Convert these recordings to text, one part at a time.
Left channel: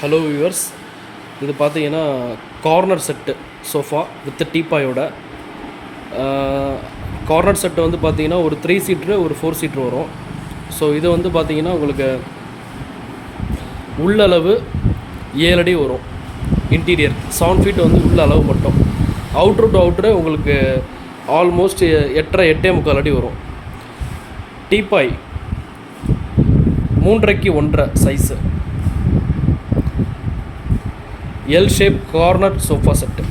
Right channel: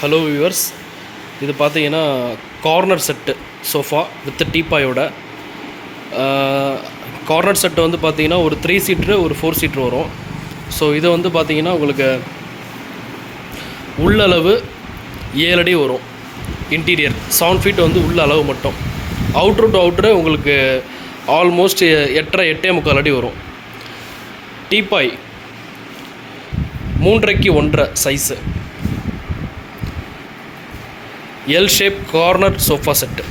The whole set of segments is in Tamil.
ஹலோ வியூவர்ஸ், இது பார்த்தீங்கன்னா கார்னர் செட்டு சோஃபா வித் டீப்பாயோட. கார்னர் செட்டு வந்து பார்த்தீங்கன்னா ஒரு 3 சீட்ரு ஒரு 4 சீட்ரு வரும். ஸோ இது வந்து பார்த்தீங்கன்னா உங்களுக்கு உள்ளளவு 7 அடி வரும். இன்டீரியர் 7 ஃபீட் வந்து உள்ள அளவு மட்டும். அவுட்ரு டு அவுட்ரு உங்களுக்கு ஆல்மோஸ்ட் 8.5 அடி வரும். Teapoy 3.5 1.5 size. L shape corner sofa set.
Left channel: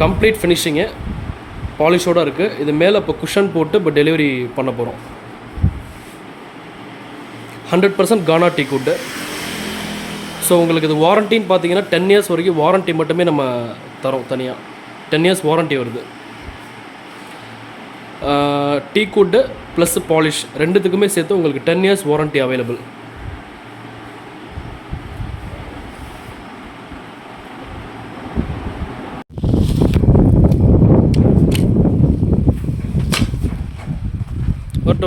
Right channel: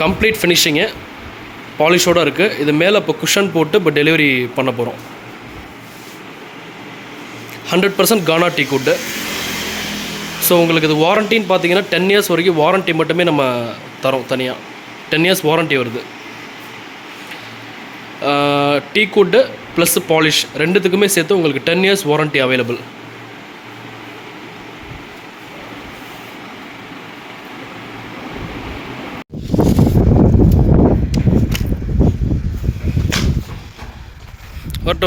Complete finishing பாலிஷோடு இருக்குது. இது மேலே இப்போ குஷன் போட்டு இப்போ டெலிவரி பண்ண போகிறோம். 100% கானா டீ குட்டு. ஸோ உங்களுக்கு இது வாரண்டின்னு பார்த்தீங்கன்னா 10 இயர்ஸ் வரைக்கும் வாரண்ட்டி மட்டுமே நம்ம தரோம். தனியாக 10 இயர்ஸ் வாரண்ட்டி வருது. டீ குட்டு ப்ளஸ் பாலிஷ் ரெண்டுத்துக்குமே சேர்த்து உங்களுக்கு 10 இயர்ஸ் வாரண்ட்டி அவைலபிள்.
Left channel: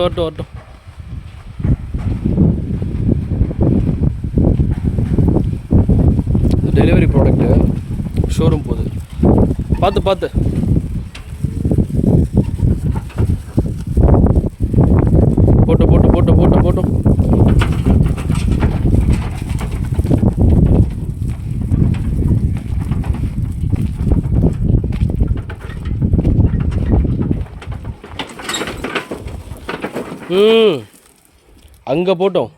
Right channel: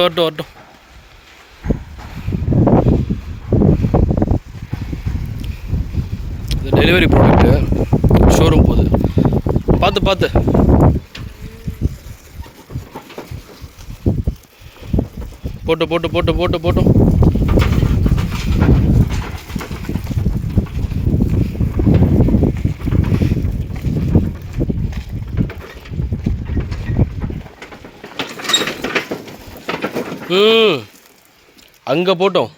வரட்டும். இது டெலிவரி ப்ராடக்ட்டு, ஷோரூம் போகுது. பார்த்து போட்டு அங்கே போட்டோம்.